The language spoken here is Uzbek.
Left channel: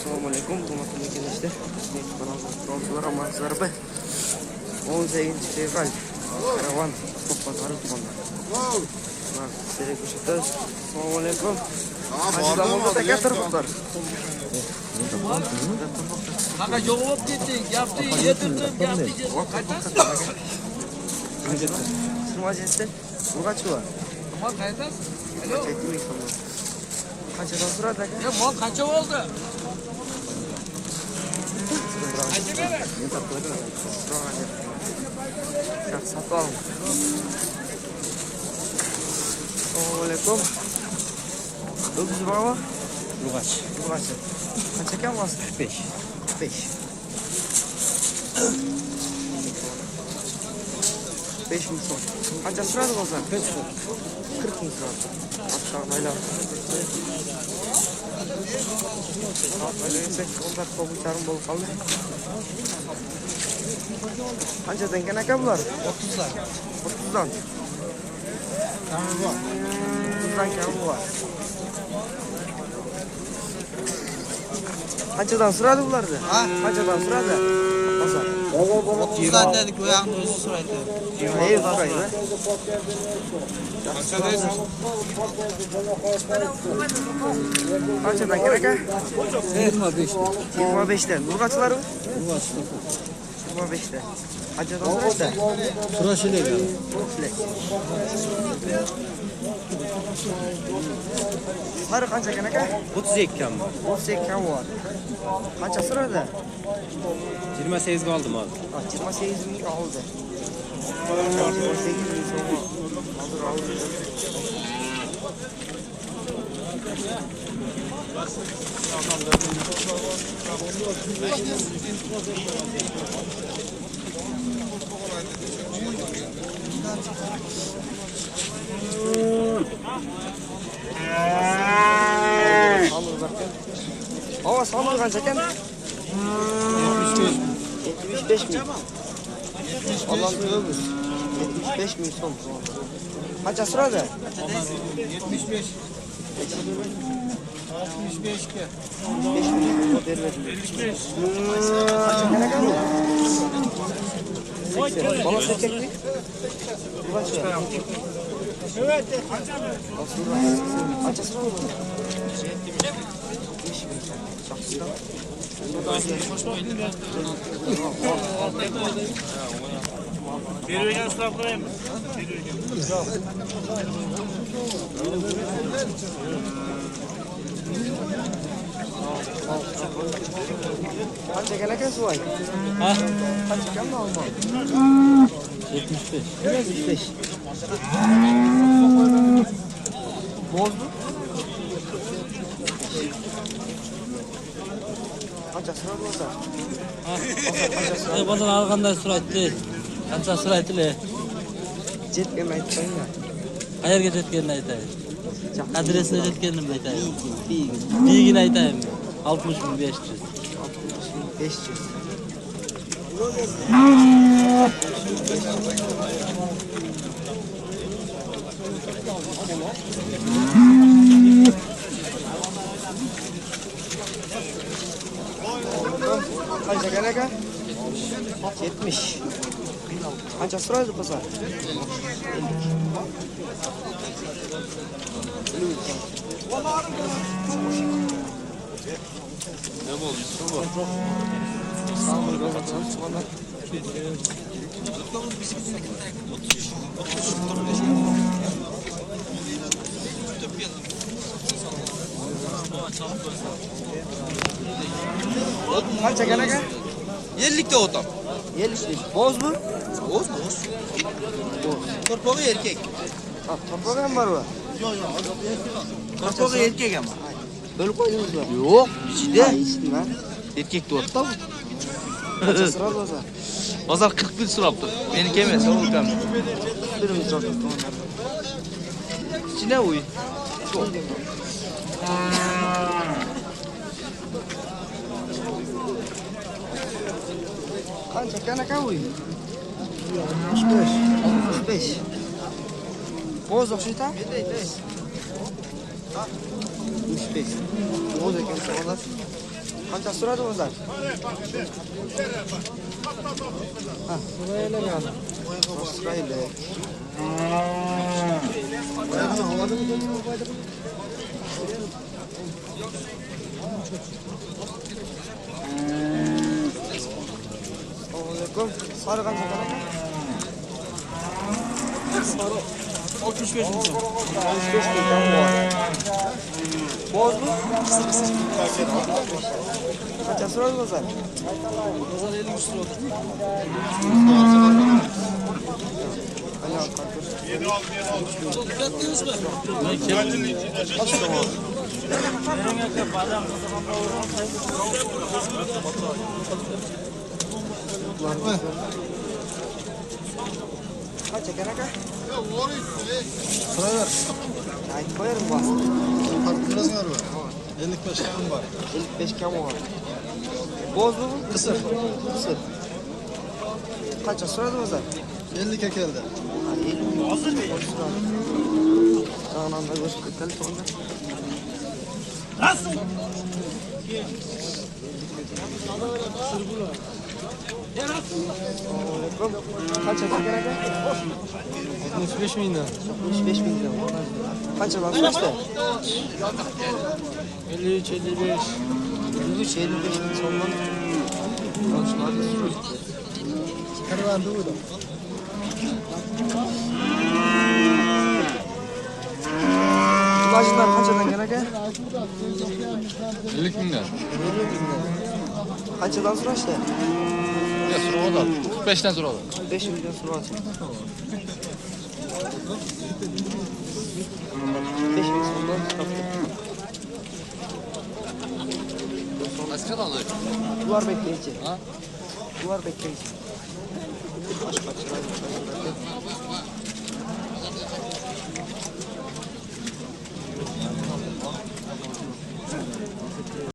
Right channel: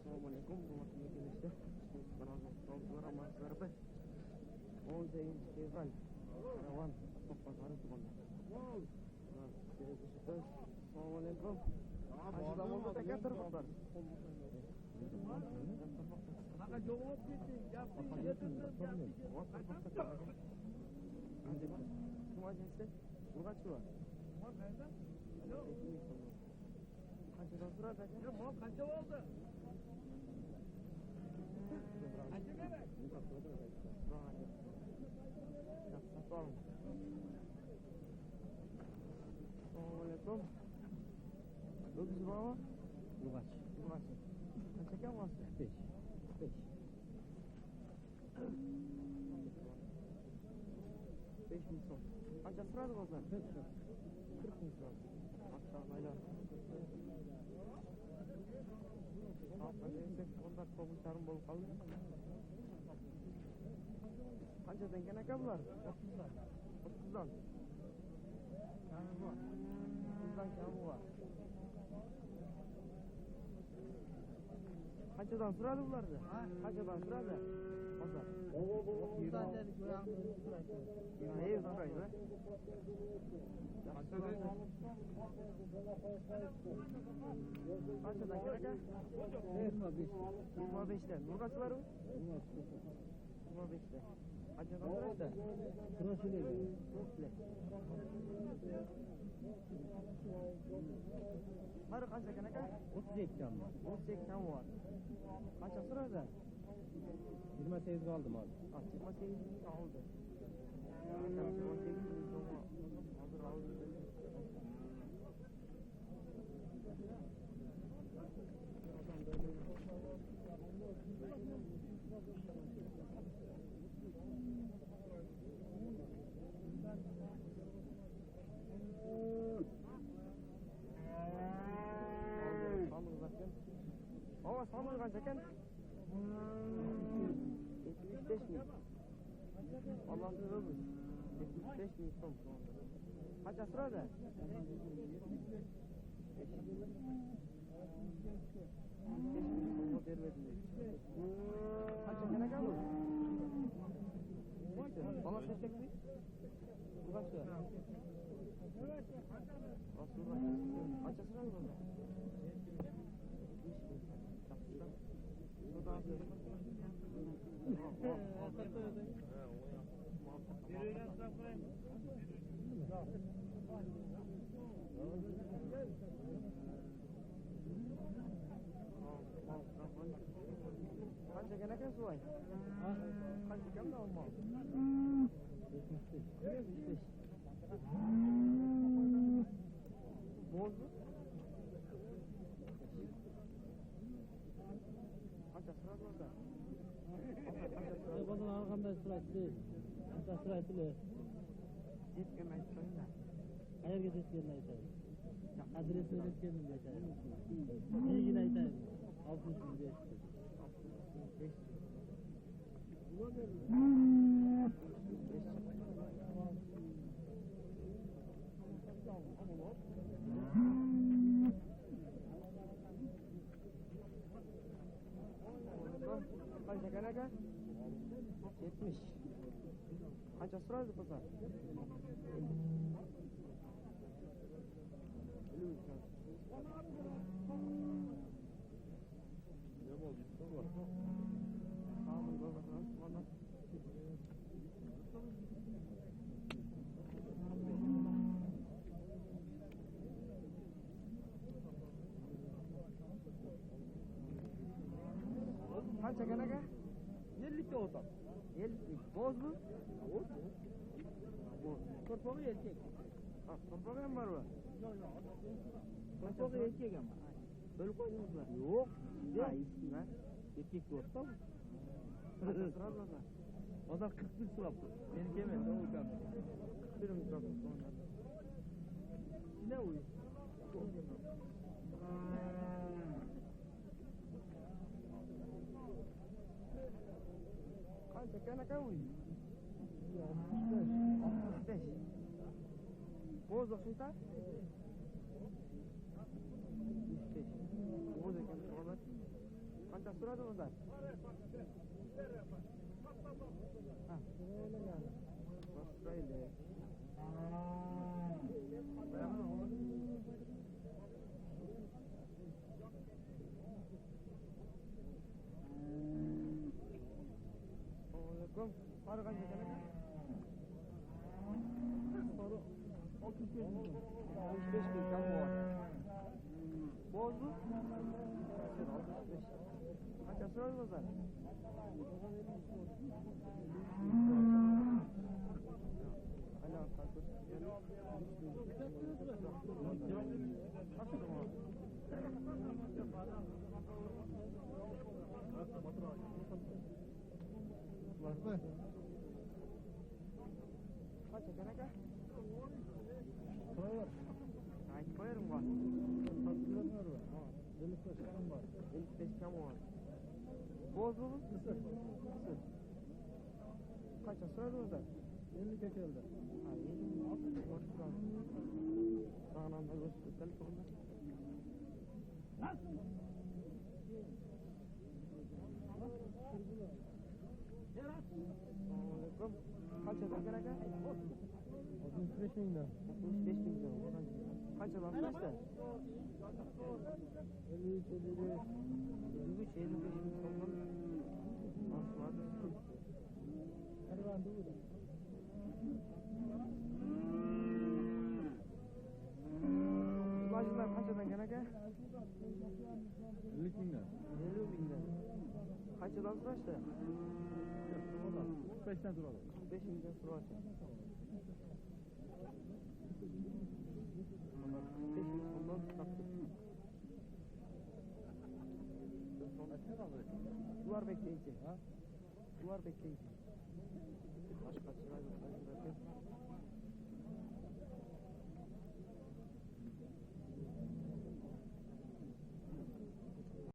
Assalomualaikum, hurmatli kelishdi. Kanallar amansizlar be. 18 fevral. Karavan To'qbazor tumanida. Mana sizlarga ko'rsatamiz. Assalomualaikum. Zamonda takatiriblar. Qanaqa javob ketding? Gapni yetirdim, gapni qaytasiz. Majlisda urg'achi bor. Mol qaytasiz? Alo. Qanchadan so'radi aka? Ya mol qancha bo'ldi? Qancha beradi? Sotib oling. Assalomualaikum. O'zingiz bormi? Urg'achi. Urg'achi. Qancha kam bo'lsa? 45. 45. 5 ming so'm. Qancha so'radi bo'lsa? 40 ming so'radi. Maşallah. Mayli. Onlar kovuçlarım bol kaldı. Qanchadan ekan aka bular? 30'dan. 30'dan. Kami bor. 30'dan kami bor. Qanchadan so'radi bularni? Ha? Qanchadan so'radi? Bozor. 30'dan dedik, o yoqni o'zi so'raydi. Ey, so'raydi. Qanchadan ekan aka? 25. 25'dan. Urg'achilar mi? Urg'achi. 25'dan. Qanchadan so'raydi? Kurashilek. Sari qancha ekan aka? 32 kam. 32 kam bor. Qancha so'radi? 28 ga oldim hozir. 28 ming oldi. 28 ming so'm. Hozir oldi. Hava sonu qancha ekan? 75 ming. Alloh o'zi 75 ming so'm. Qancha so'radi? 75. 65 ga. 5 ming berdim. 75. Qancha ekan bu? Bola erkakmi? Qancha? Evet, qancha so'radi? Bergan so'rab qo'yamiz. Qancha ekan aka suvoy? Ha? Qancha ekan olmo? 75. 75. Bozdu? Qancha so'radi bo'lsa? Bozor alganda so'raydi. Qancha so'raydi? Jetga aytmayman. Qayerga ketganini aytay. Adresini aytganimni aytay. Big. Bigini aytaymi? 60.500. 500. Qancha ekan aka? 70. Qancha so'raydi bo'lsa? 50. Ne bo'ldi? Suv. Sağ olun. Qancha ekan aka? 50 ta o'tam. 50. Bozmi? O'z. Torpog'i erkek. Ha, to'rtog'i ham bormi? Torpog'i erkek ama. Bo'lib qo'ydingizmi? Yo'q, ichida. Ichida. Erkek to'rtta. Qancha so'radi bo'lsa? Bozor 40 pul so'rabdi. Meniki emas, o ukam. Birimiz so'radi. Ichida uy. Qancha ekan aka uy? 65. 65. Bo'z o'xshaydi? 65. Bo'z ekan so'radi. Qancha so'radi o'zlar? Ha, so'raylik yana. So'raylik. Assalomu alaykum. Sari qancha qanaqa? Sari 65 ming so'm. 65 ming so'm bor. Bozmi? Qancha so'radi o'zlar? O'zlar 50 so'radi. Ana qarqır. Çok dikkatliyiz mi? Kaça kanaka? Sıra ver. Ayıp koyarım bu. Farkındasın galiba. 55 kam var. 55 kam var. Bozdu mu? Kısır. Kısır. Kaça soradı o'zlar? 50 kekeldi. 50 hazır mı? Sağından da göçüp keteli sonra. Nasıl? Assalamualaikum. Kaça kanaka? 65 bin lira. 65 bin lira. Kaça lan soradı? 53, 55. 53 55 bin sondan. Konuşmadı. Karavan doğdu. Kulacılar kaçadan kanaka? 50 bin lira. 50 bin lira. Kaçadan soraştı? Ya sonra da 45'ten sonra da. 5 milyon soradı. 5 bin sondan kaptı. Kaç kadar alıyor? Duvar bekleyici. Ha? Duvar bekleyici. Başka çıraydı.